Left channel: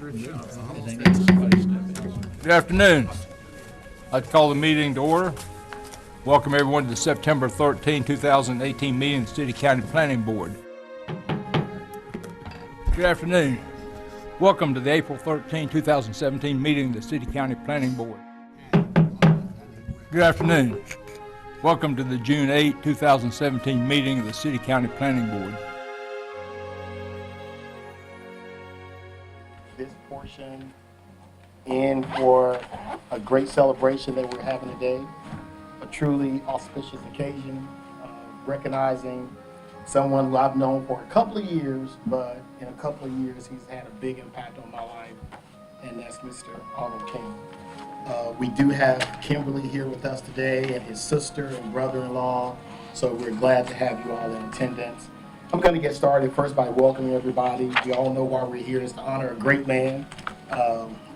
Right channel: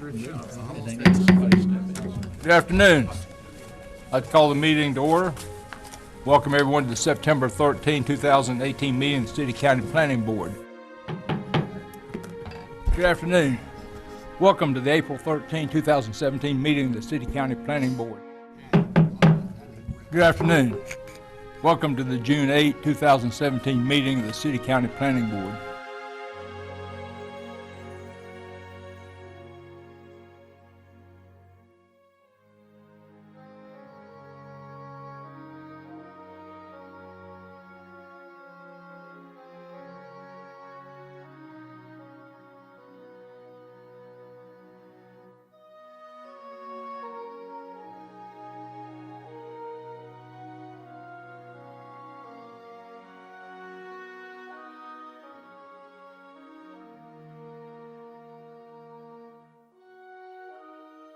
Good afternoon. I'd call the meeting to order. Welcome everyone to the September 13, 2018 meeting of the City County Planning Board. Good afternoon. Welcome to the April 13, 2017 meeting of the City County Planning Board. Good afternoon. Welcome to the June 8, 2017 meeting of the City County Planning Board. In for a great celebration that we're having today, a truly auspicious occasion, recognizing someone who I've known for a couple of years, but in a couple of years he's had a big impact on my life, and that's Mr. Arnold King. We do have Kimberly here with us today and his sister and brother-in-law, so we're glad to have you all in attendance. I'm going to get started first by welcoming everybody. We all know why we're here is to honor a great man.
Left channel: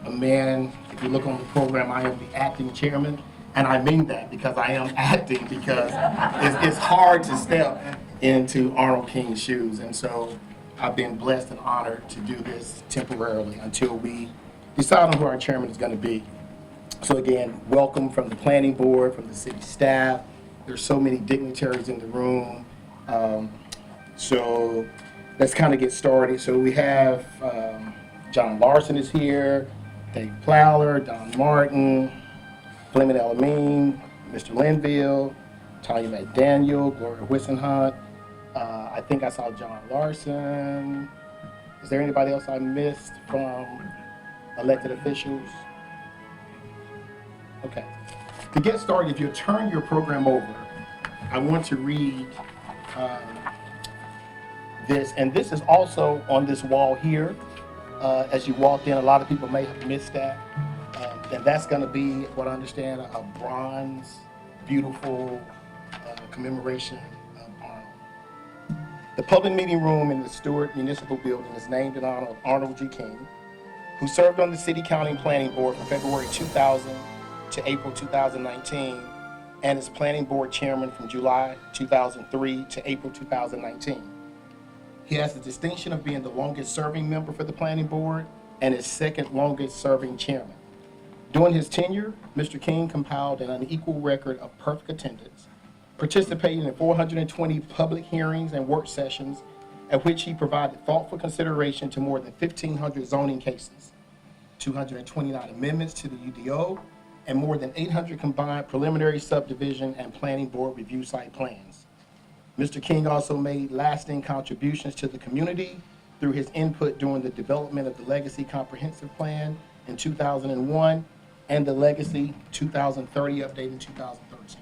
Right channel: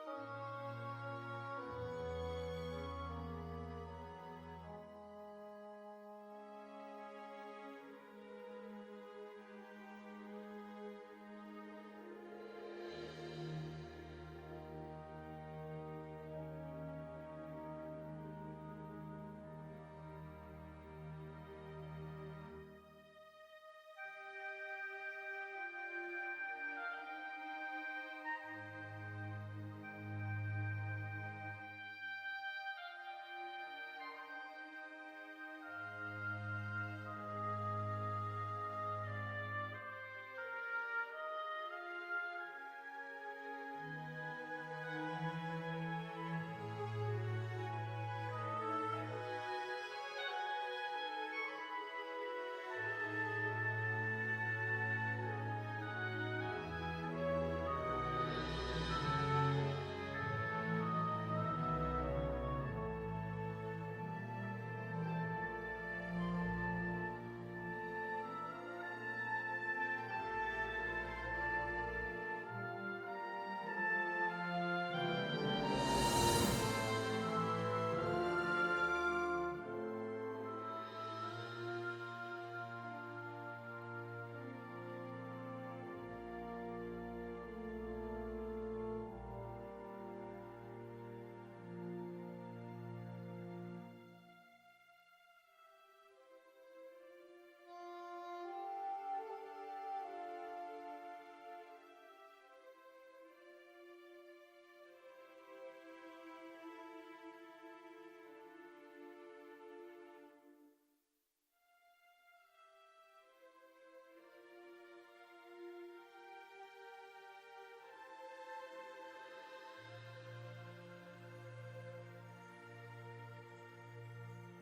A man, if you look on the program, I am the acting chairman, and I mean that because I am acting because it's hard to step into Arnold King's shoes, and so I've been blessed and honored to do this temporarily until we decide on who our chairman is going to be. So again, welcome from the planning board, from the city staff. There's so many dignitaries in the room, so let's kind of get started. So we have John Larson is here, Dave Plowler, Don Martin, Fleming Elamine, Mr. Linville, Tanya McDaniel, Gloria Whisenhunt. I think I saw John Larson. Is there anybody else I missed from elected officials? Okay. To get started, if you turn your program over, I want to read this, and this is also on this wall here. As you walked in, a lot of people may have missed that. And that's going to be, what I understand, a bronze, beautiful commemoration of Arnold. The public meeting room in the Stewart Municipal Building is named in honor of Arnold G. King, who served on the City County Planning Board from February 2000 to April 2019, and is Planning Board Chairman from July 2003 to April 2019. He has the distinction of being the longest serving member for the planning board and his second longest serving chairman. During his tenure, Mr. King compiled an unequal record of perfect attendance, participating in 420 public hearings and work sessions at which he provided thoughtful consideration to more than 1,500 zoning cases, 229 amendments to the UDO, and more than 800 combined preliminary subdivision and planning board review site plans. Mr. King also made lasting contributions to the community through his input during the development of the Legacy Comprehensive Plan in 2001 and the Legacy 2030 update in 2013.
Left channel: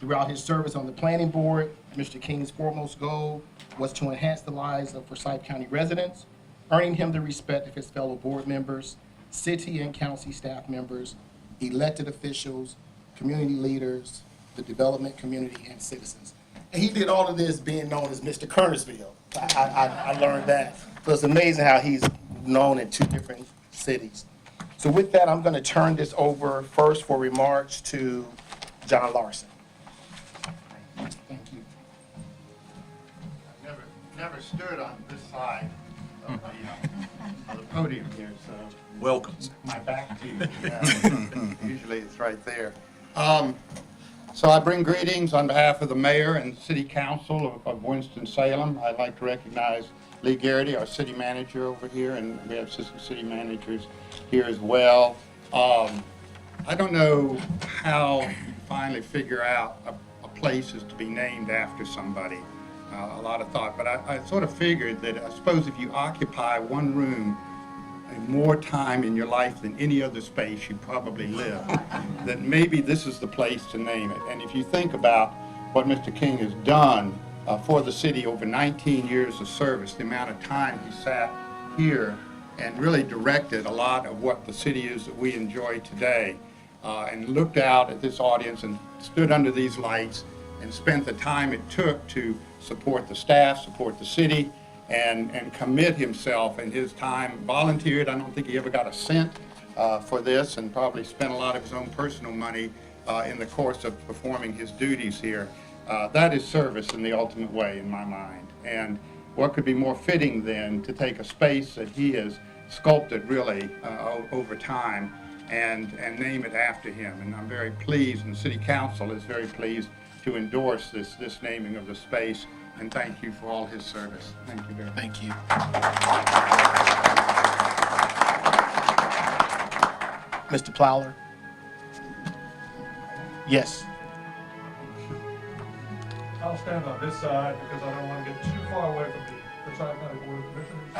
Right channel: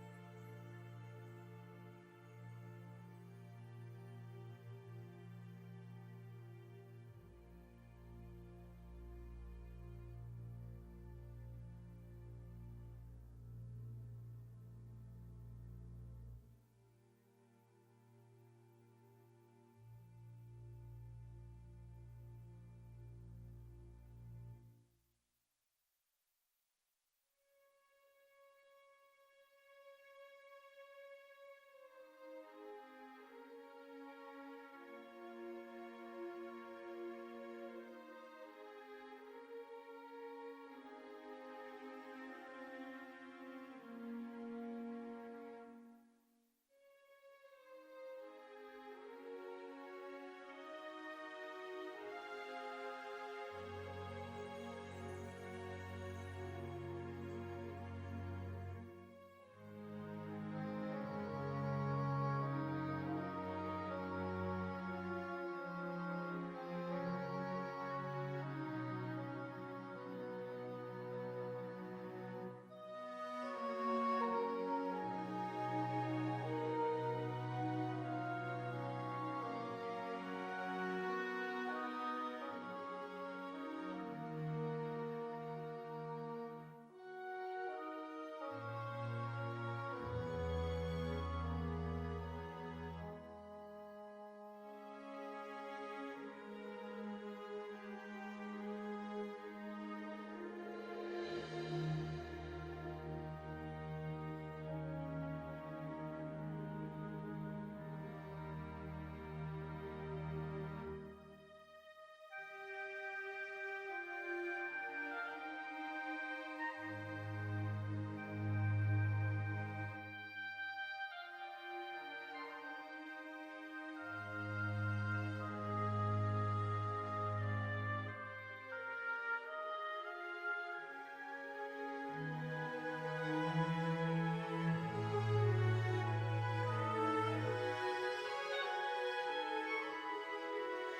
Throughout his service on the planning board, Mr. King's foremost goal was to enhance the lives of Forsyth County residents, earning him the respect of his fellow board members, city and county staff members, elected officials, community leaders, the development community, and citizens. And he did all of this being known as Mr. Kernersville. I learned that. So it's amazing how he's known in two different cities. So with that, I'm going to turn this over first for remarks to John Larson. Thank you. I've never stood on this side of the podium here, so. Welcome. My back to you. Yeah. Usually it's right there. So I bring greetings on behalf of the mayor and city council of Winston-Salem. I'd like to recognize Lee Garrity, our city manager over here, and we have assistant city managers here as well. I don't know how you finally figure out a place is to be named after somebody. A lot of thought, but I sort of figured that I suppose if you occupy one room more time in your life than any other space you probably live, that maybe this is the place to name it. And if you think about what Mr. King has done for the city over 19 years of service, the amount of time he sat here and really directed a lot of what the city is that we enjoy today, and looked out at this audience and stood under these lights and spent the time it took to support the staff, support the city, and commit himself and his time, volunteered. I don't think he ever got a cent for this, and probably spent a lot of his own personal money in the course of performing his duties here. That is service in the ultimate way in my mind. And what could be more fitting than to take a space that he has sculpted really over time and name it after him. And I'm very pleased, and the City Council is very pleased to endorse this naming of the space. And thank you for all his service. Thank you very much. Thank you. Mr. Plowler? Yes. I'll stand on this side because I don't want to get too far away from the tri-county board of commissioners.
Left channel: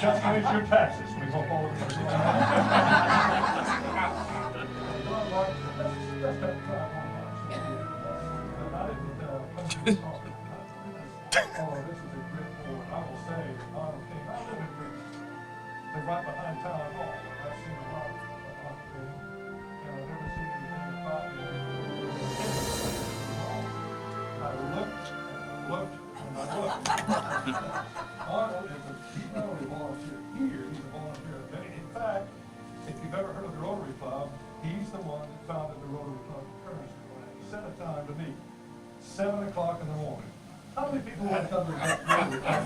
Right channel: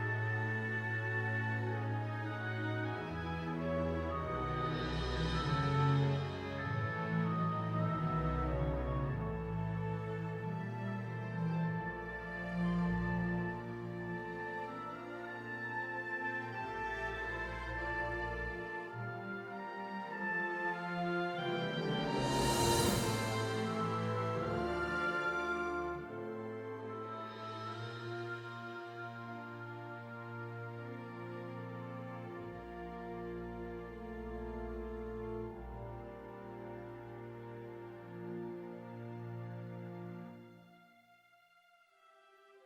Just raise your taxes, we won't hold it. Right behind town hall. I've seen a lot of Arnold he's not only a volunteer here, he's a volunteer at many. In fact, if you've ever heard of the Rotary Club, he's the one that founded the Rotary Club in Kernersville. And he set a time to meet, 7 o'clock in the morning. How many people want to come to that Rotary Club?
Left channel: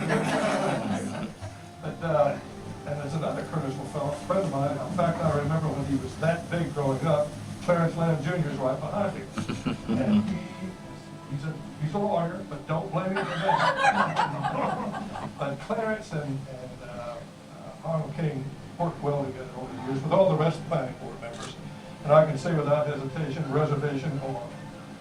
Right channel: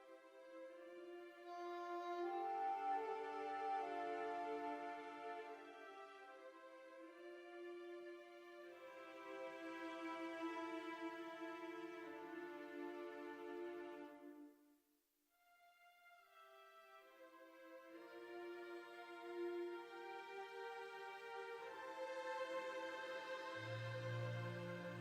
And there's another Kernersville fellow, a friend of mine. In fact, I remember when he was that big growing up, Clarence Lamb Jr. is right behind him. And he's a lawyer, but don't blame him for that. But Clarence and Arnold King worked well together over the years with all the rest of the planning board members. And I can say without hesitation, reservation, or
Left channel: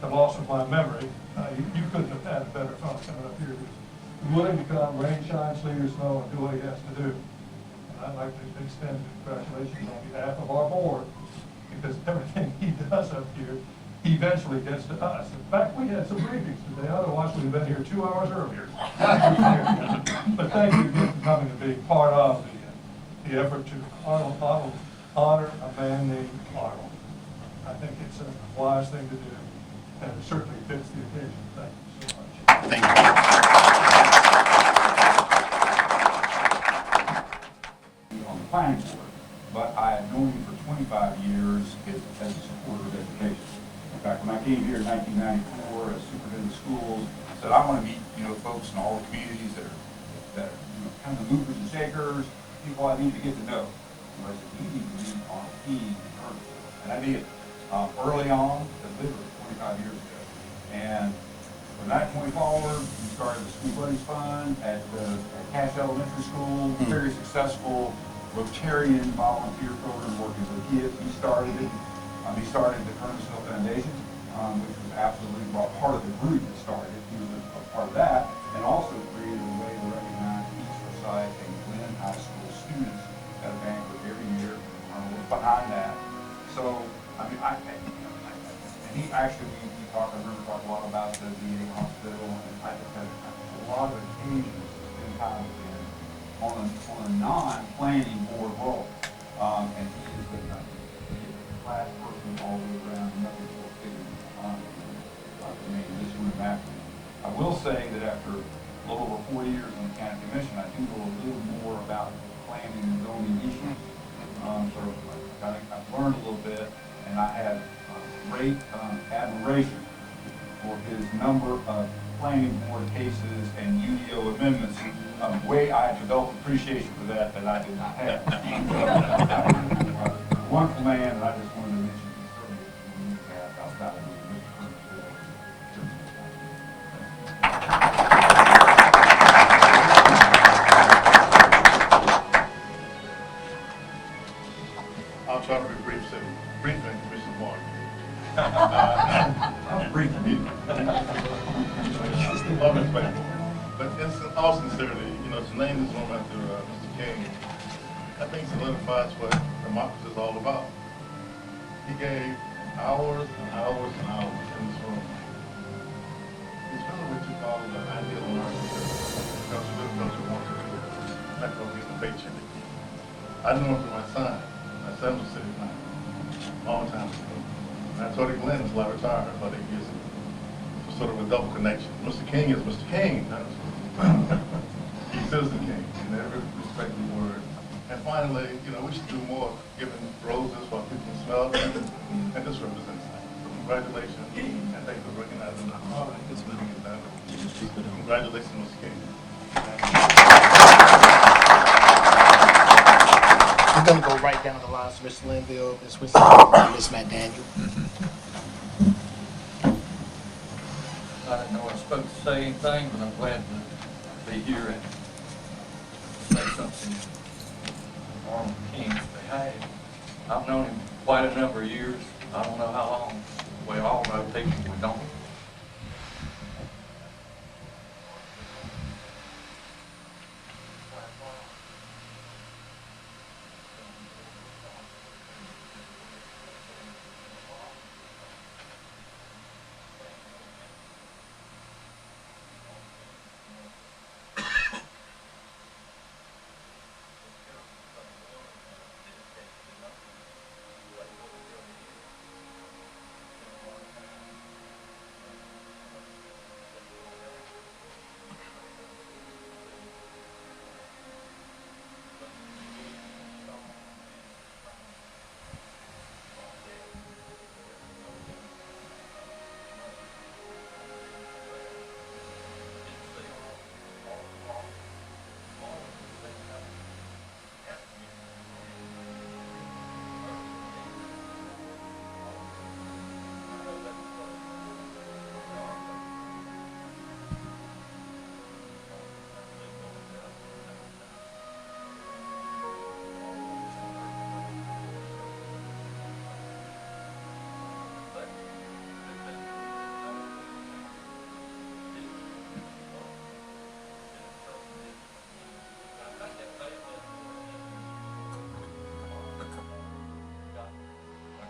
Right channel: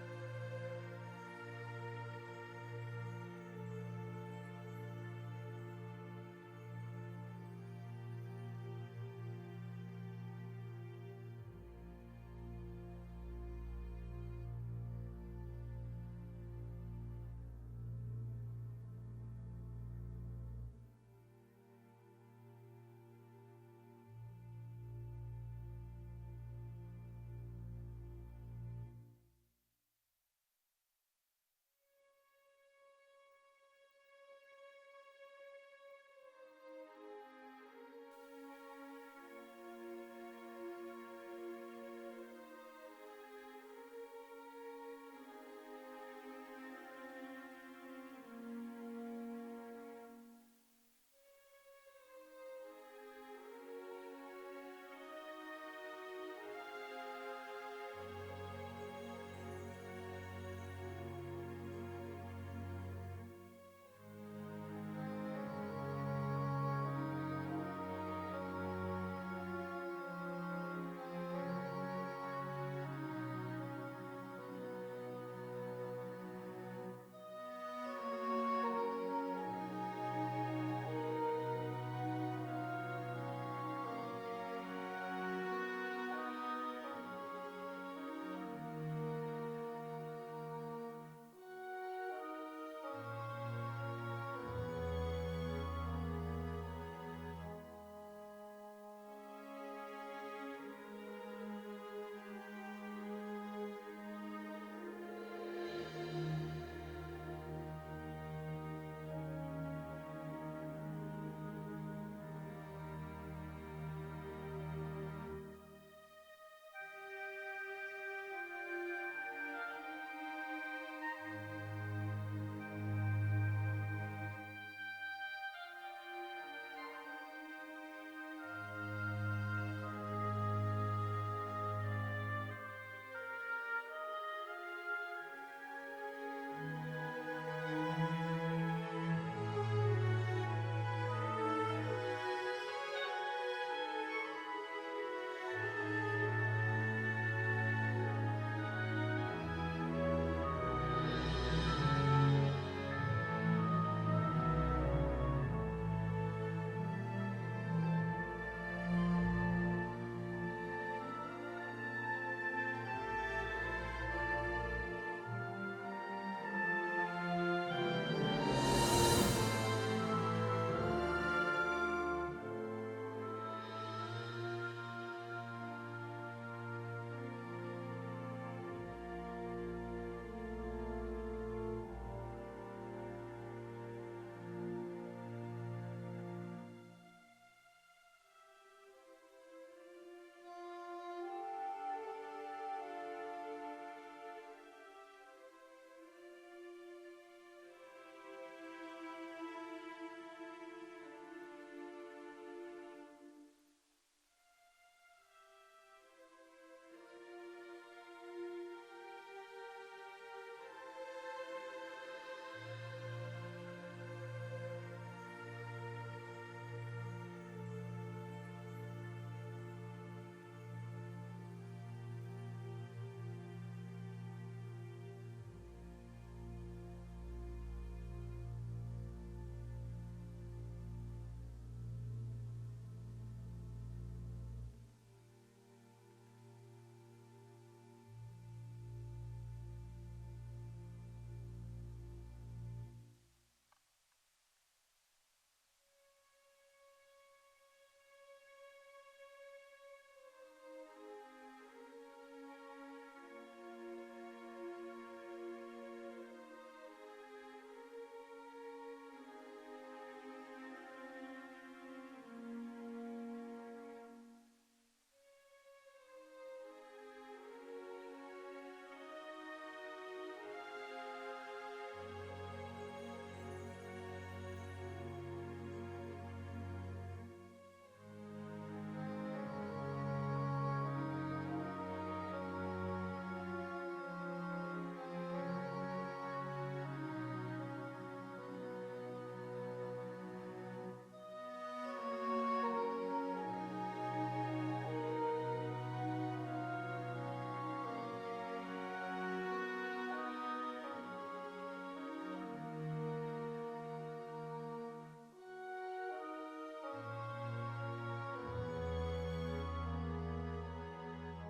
the loss of my memory, you couldn't have had a better fellow coming up here who's willing to come, rain, shine, sleet, or snow, and do what he has to do. And I'd like to extend congratulations on behalf of our board, because everything he does up here eventually gets to us. In fact, we had some briefings today, otherwise we'd have been here 2 hours earlier. But thank you again for coming to be part of the effort to honor a man named Arnold. I think it's a wise thing to do, and it certainly fits the occasion. Thank you so much. Thank you. On the planning board, but I had known him for 25 years as a supporter of education. In fact, when I came here in 1994 as superintendent of schools, I said I want to meet folks in all the communities that are kind of the movers and shakers, people I need to get to know. So I said, we need to meet on a team and I did early on, literally 25 years ago. And from that point forward, we started the School Buddies Fund at Cash Elementary School, very successful Rotarian volunteer program working with kids. He started it. He started the Kernersville Foundation, which was absolutely part of the group that started it. He was a part of that, and also created a way to recognize each site and Glen High School students at a banquet every year. Was behind that. So, I mean, and he actually, we talked, I remember talking a lot about the VA hospital, and I had a lot of occasions in time with him on a non-planning board role. And he is the last person all the way around the medical field to make this one happen. I will say that after a little over 4 years in the county commission, I do know a little more about planning and zoning issues. So I've learned a little bit, and I had great admiration for his number of planning board cases and UDO amendments. Way I developed appreciation for that I did not have. Wonderful man, and I just wanted to mention he's outside of I'll try to be brief, so briefly, Mr. Moore. But in all sincerity, to name this one after Mr. King, I think solidifies what democracy is all about. He gave hours and hours and hours in this room. He's really what you call an ideal person. Because he really knows what he wants to do. Not going to get the paycheck. I know him from my son. My son was sitting now. Long time ago. And I told him Glenn until I retired. I thought he was sort of a double connection. Mr. King is Mr. King. He's Citizen King in every respect of the word. And finally, we should do more giving roses while people smell them, and this represents that. So congratulations, and thank you for recognizing the honor this meeting is having. Congratulations, Mr. King. gonna go right down the line, so Miss Linville, Miss Winston, and Miss McDaniel. I didn't know I was supposed to say anything, but I'm glad to be here and say something on Arnold King's behalf. I've known him quite a number of years. I don't know how long. We all know people we don't.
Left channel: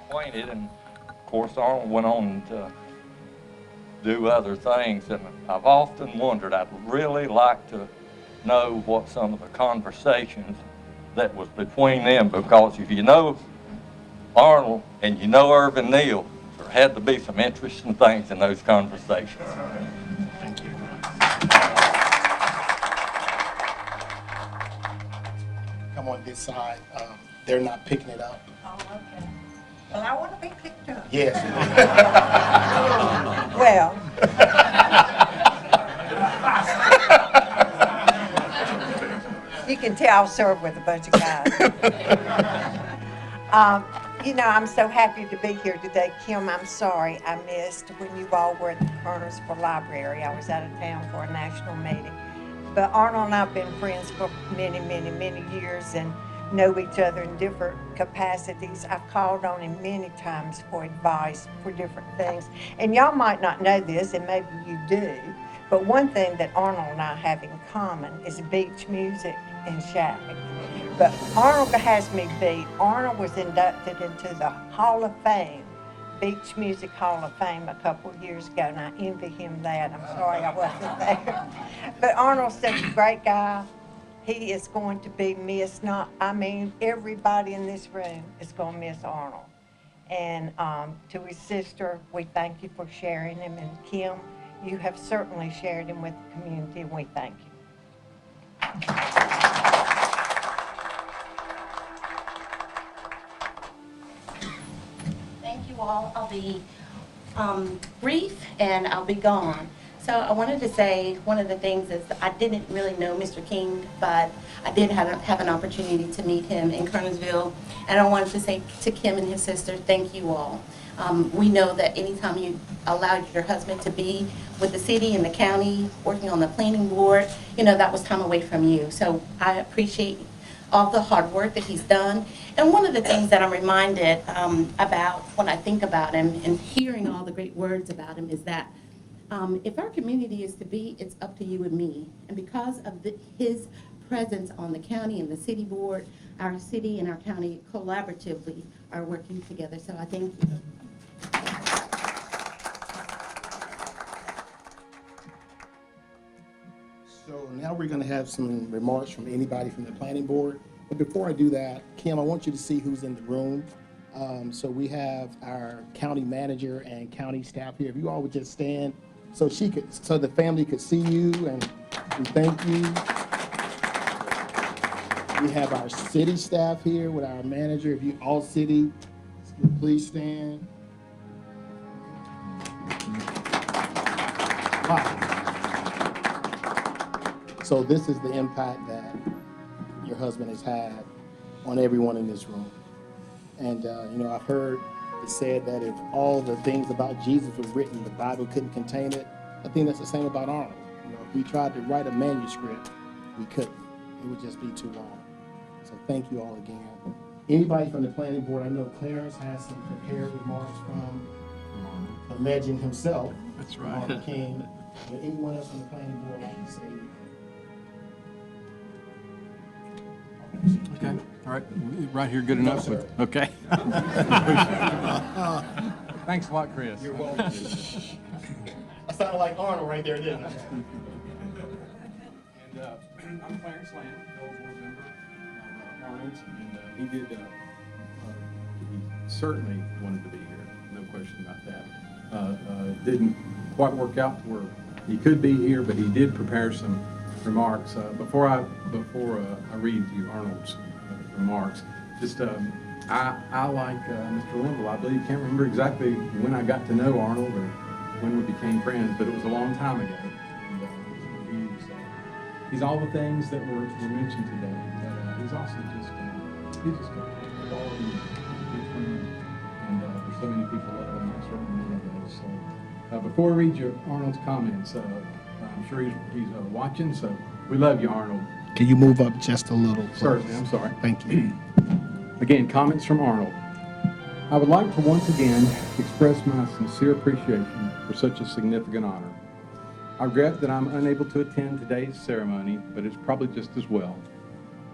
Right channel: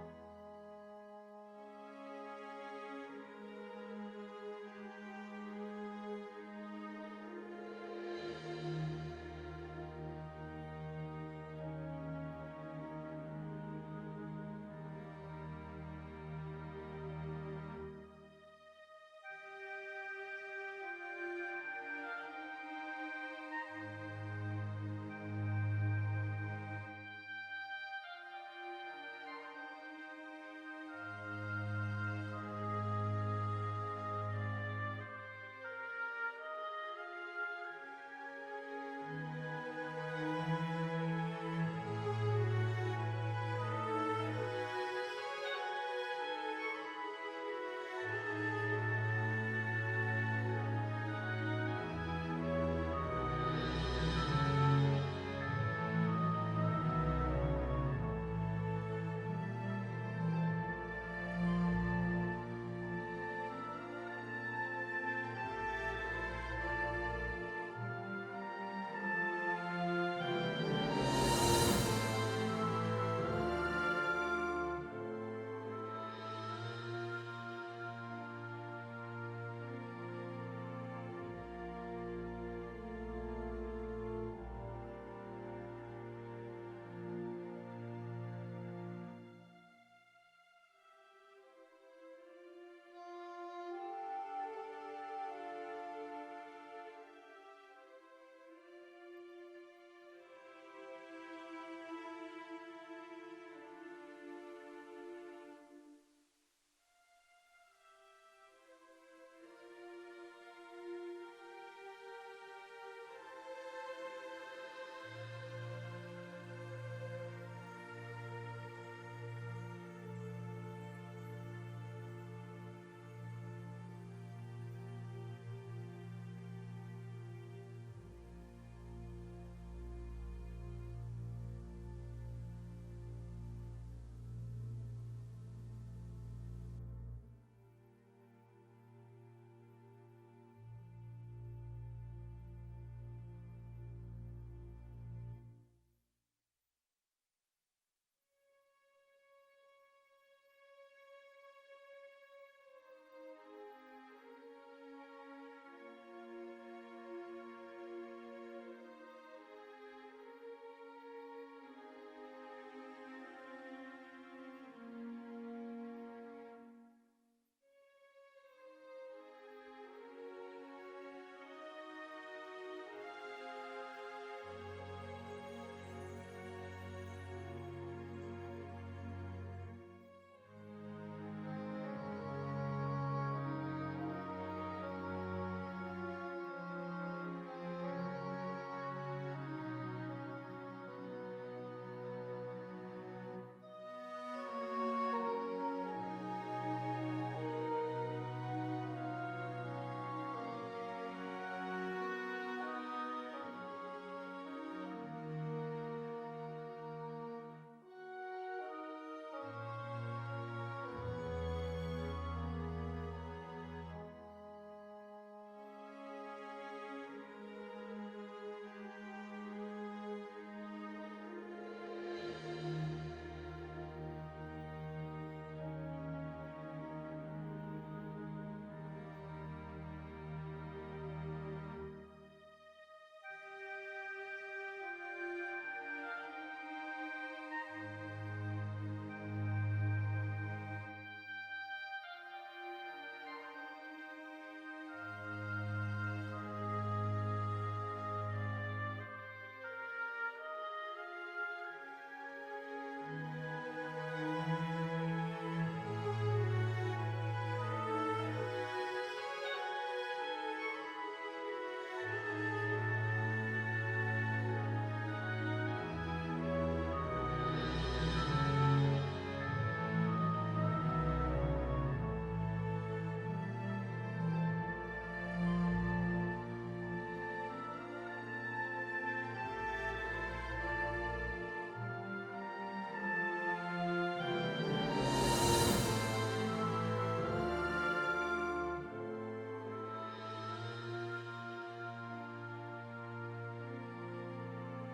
Acquainted, and of course Arnold went on to do other things, and I've often wondered, I'd really like to know what some of the conversations that was between them, because if you know Arnold and you know Irvin Neal, there had to be some interesting things in those conversations. Thank you. Come on this side. They're not picking it up. Oh, okay. Well, I want to be picked up. Yes. Well. You can tell I'll serve with a bunch of guys. You know, I'm so happy to be here today. Kim, I'm sorry I missed when you all were at the Kernersville Library. I was out of town for a national meeting. But Arnold and I have been friends for many, many, many years and know each other in different capacities. I've called on him many times for advice for different things. And y'all might not know this, and maybe you do, but one thing that Arnold and I have in common is beach music and shacking. But Arnold has me beat. Arnold was inducted into the Hall of Fame, Beach Music Hall of Fame a couple of years ago, and I envy him that. I'm sorry I wasn't there. But Arnold's such a great guy. He is going to be missed. Everybody in this room is going to miss Arnold. And to his sister, we thank you for sharing him. And Kim, you have certainly shared him with the community, and we thank you. Thank you all. I'll be brief and I'll be gone. So I wanted to say one of the things is I didn't really know Mr. King, but I did have an opportunity to meet him in Kernersville. And I wanted to say to Kim and his sister, thank you all. We know that anytime you allowed your husband to be with the city and the county, working on the planning board, you know, that was time away from you. So I appreciate all the hard work that he's done. And one of the things that I'm reminded about when I think about him and hearing all the great words about him is that if our community is to be, it's up to you and me. And because of his presence on the county and the city board, our city and our county collaboratively are working together. So I thank you. So now we're going to have some remarks from anybody from the planning board. But before I do that, Kim, I want you to see who's in the room. So we have our county manager and county staff here. If you all would just stand so the family could see you, and we thank you. We have our city staff here with our manager. If you all city, please stand. Wow. So this is the impact that your husband has had on everyone in this room. And, you know, I've heard it said that if all the things about Jesus was written, the Bible couldn't contain it. I think that's the same about Arnold. You know, if we tried to write a manuscript, we couldn't. It would just be too long. So thank you all again. Anybody from the planning board, I know Clarence has some prepared remarks from the legend himself. That's right. Arnold King. Would anyone else from the planning board like to say anything? Okay, all right, right here, good enough? sir. Okay. Thanks a lot, Chris. You're welcome. I sounded like Arnold right there, didn't I? And I'm Clarence Lamb, Bell's board member of Arnold's, and he certainly wanted to be here, no question about that. Didn't quite work out where he could be here, but he did prepare some remarks. Before I read you Arnold's remarks, just I like Mr. Wimble. I believe, can't remember exactly when I got to know Arnold or when we became friends, but it was a long time ago. And, he's all the things that were mentioned today. But he's also just good. And there's so many people that are certainly one of those. So before I read you Arnold's comments, I'm sure he's watching. So we love you, Arnold. Can you move up just a little? Certainly, I'm sorry. Thank you. Again, comments from Arnold. I would like to once again express my sincere appreciation for such a significant honor. I regret that I'm unable to attend today's ceremony, but it's probably just as well.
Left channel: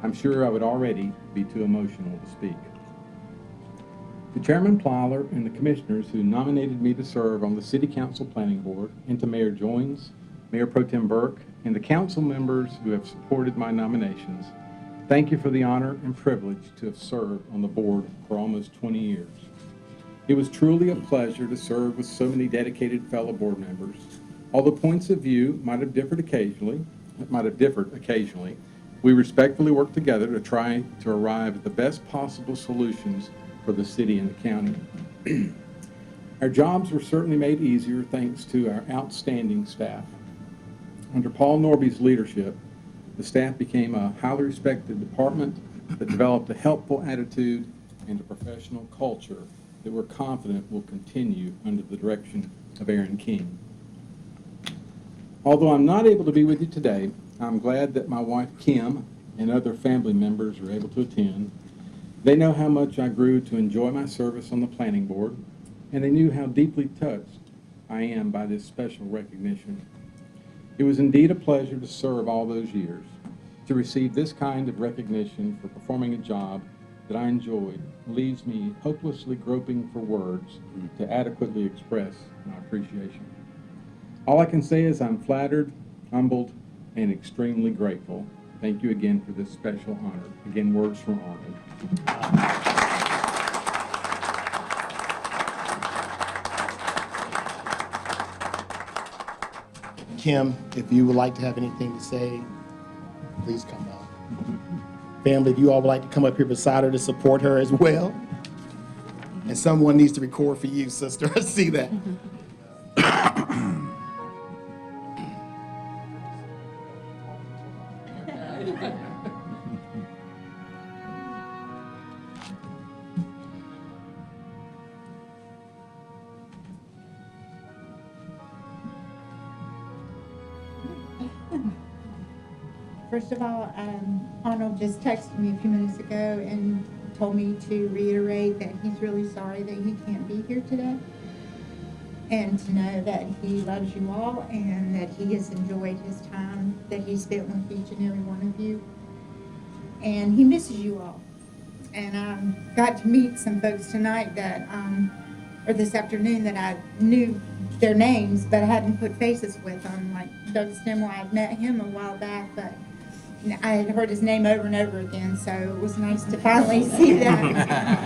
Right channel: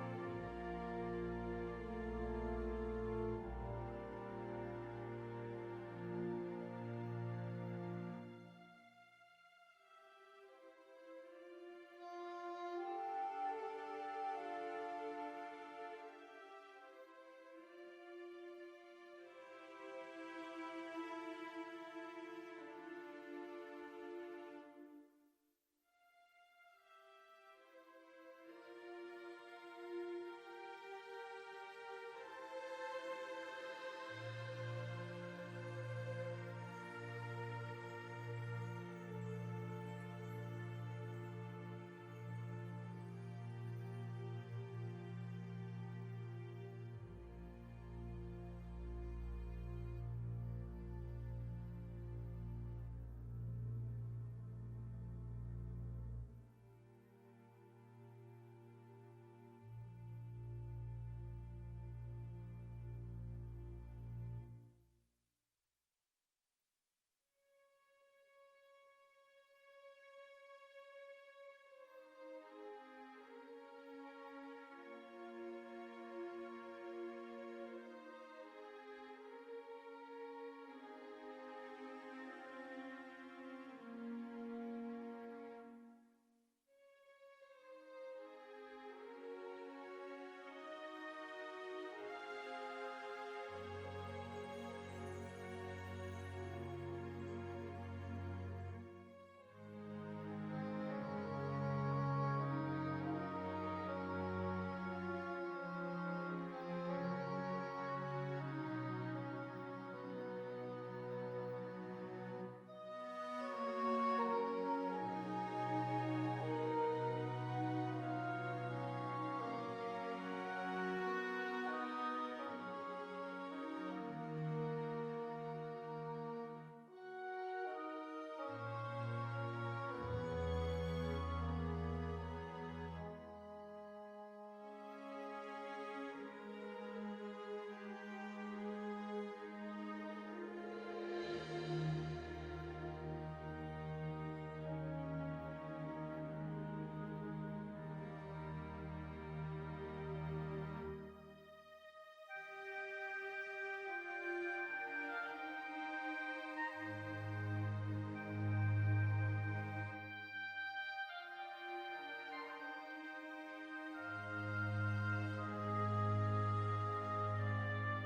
I'm sure I would already be too emotional to speak. To Chairman Plyler and the commissioners who nominated me to serve on the City Council Planning Board, and to Mayor Joines, Mayor Pro Tem Burke, and the council members who have supported my nominations, thank you for the honor and privilege to have served on the board for almost 20 years. It was truly a pleasure to serve with so many dedicated fellow board members. Although points of view might have differed occasionally, we respectfully worked together to try to arrive at the best possible solutions for the city and the county. Our jobs were certainly made easier thanks to our outstanding staff. Under Paul Norby's leadership, the staff became a highly respected department that developed a helpful attitude and a professional culture that we're confident will continue under the direction of Aaron King. Although I'm not able to be with you today, I'm glad that my wife Kim and other family members are able to attend. They know how much I grew to enjoy my service on the planning board, and they knew how deeply touched I am by this special recognition. It was indeed a pleasure to serve all those years. To receive this kind of recognition for performing a job that I enjoyed leaves me hopelessly groping for words to adequately express my appreciation. All I can say is I'm flattered, humbled, and extremely grateful. Thank you again for this special honor. Again, words from Arnold. Kim, if you would like to have anything to say, please come up. Family, if you all would like to come up here beside her to support her as well. And someone needs to record for you, sister. I see that. First of all, Arnold just texted me a few minutes ago and told me to reiterate that he's really sorry that he can't be here today, and to know that he loves you all and that he has enjoyed his time that he spent with each and every one of you, and he misses you all. And got to meet some folks tonight that, or this afternoon, that I knew their names but I hadn't put faces with them, like Doug Stemwell. I'd met him a while back, but I had heard his name over and over again, so it was nice to finally see that.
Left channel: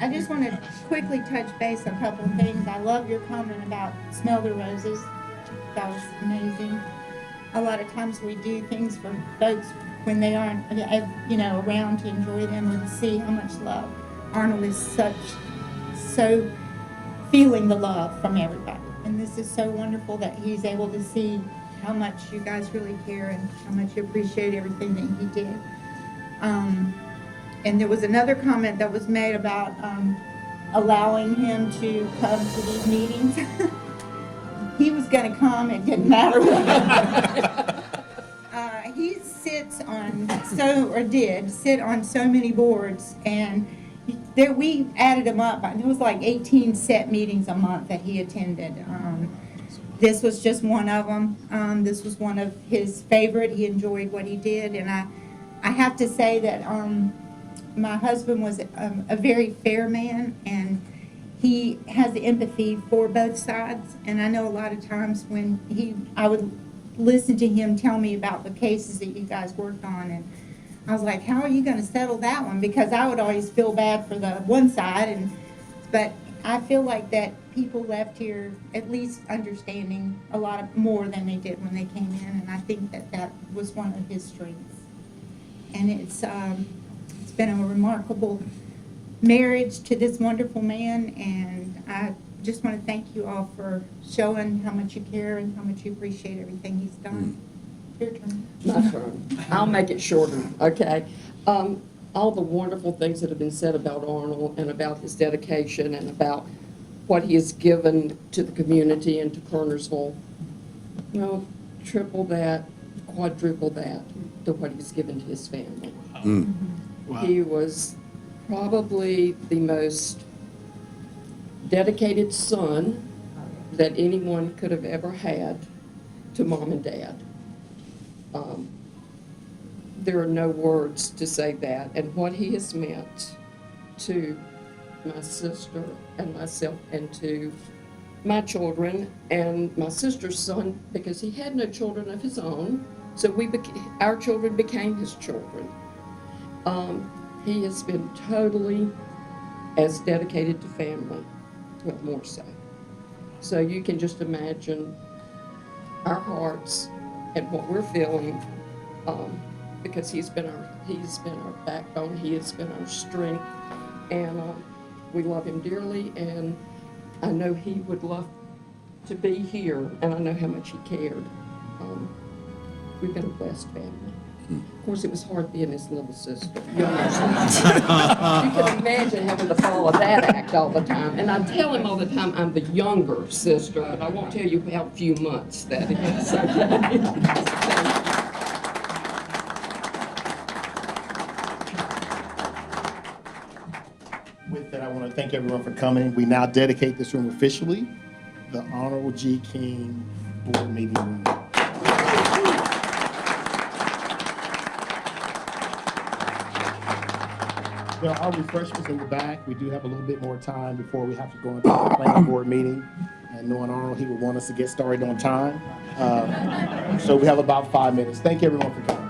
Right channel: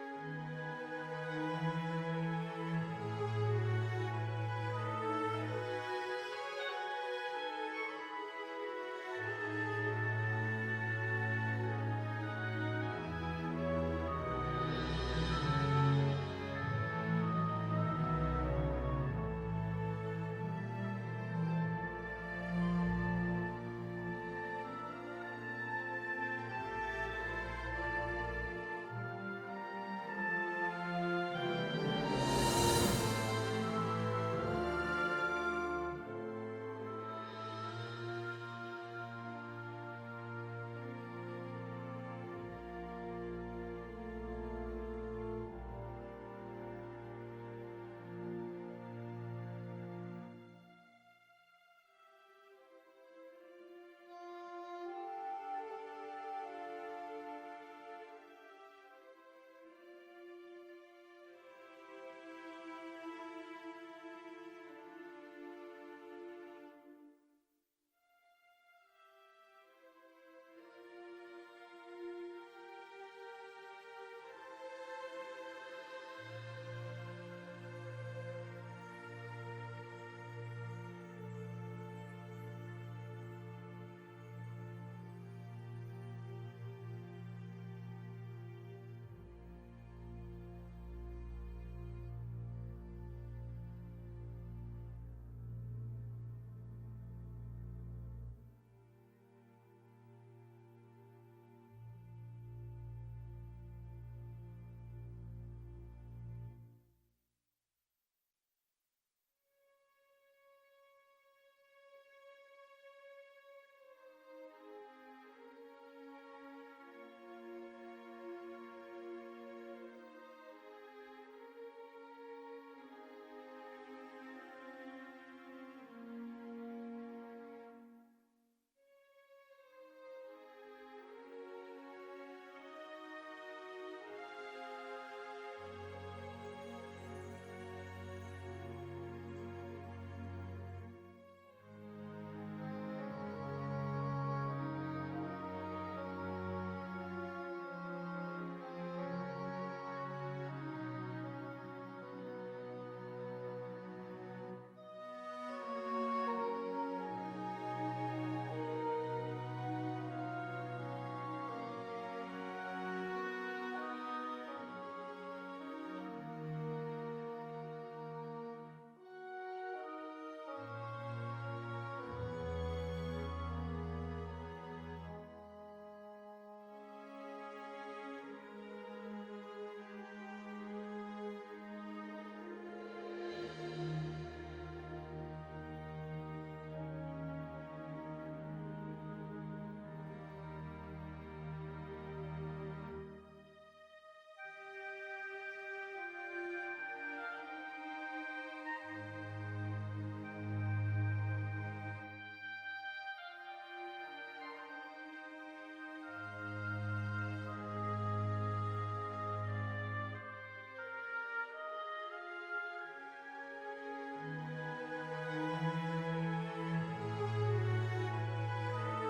I just want to quickly touch base on a couple of things. I love your comment about smell the roses. That was amazing. A lot of times we do things for folks when they aren't, around to enjoy them and to see how much love. Arnold is so feeling the love from everybody. And this is so wonderful that he's able to see how much you guys really care and how much you appreciate everything that he did. And there was another comment that was made about allowing him to come to these meetings. He was gonna come, it didn't matter what. He sits on did sit on so many boards, and there, we added them up. There was like 18 set meetings a month that he attended. This was just one of them. This was one of his favorite. He enjoyed what he did, and I have to say that my husband was a very fair man, and he has empathy for both sides. And I know a lot of times when I would listen to him tell me about the cases that you guys worked on, and I was like, how are you going to settle that one? Because I would always feel bad for the one side, but I feel like that people left here at least understanding a lot more than they did when they came in, and I think that was one of his strengths. And it's been a remarkable marriage to this wonderful man, and I just want to thank you all for showing how much you care and how much you appreciate everything he's done. Your turn. My turn. I'll make it shorter, okay? All the wonderful things that have been said about Arnold and about his dedication and about what he has given to the community and to Kernersville, you know, triple that, quadruple that to what he's given to his family. Wow. He was probably the most dedicated son that anyone could have ever had to mom and dad. There are no words to say that, and what he has meant to my sister and myself and to my children and my sister's son, because he had no children of his own, so our children became his children. He has been totally as dedicated to family, but more so. So you can just imagine our hearts and what we're feeling, because he's been our backbone, he has been our strength, and we love him dearly, and I know he would love to be here, and I know how much he cared. We've been a blessed family. Of course, it was hard being his little sister, younger sister. You can imagine having to follow that act all the time. And I tell him all the time I'm the younger sister, but I won't tell you how few months that is. With that, I want to thank everyone for coming. We now dedicate this room officially, the Arnold G. King Board Meeting Room. There are refreshments in the back. We do have a little bit more time before we have to go into the planning board meeting. And knowing Arnold, he would want us to get started on time. So we have about 5 minutes. Thank you everyone for coming.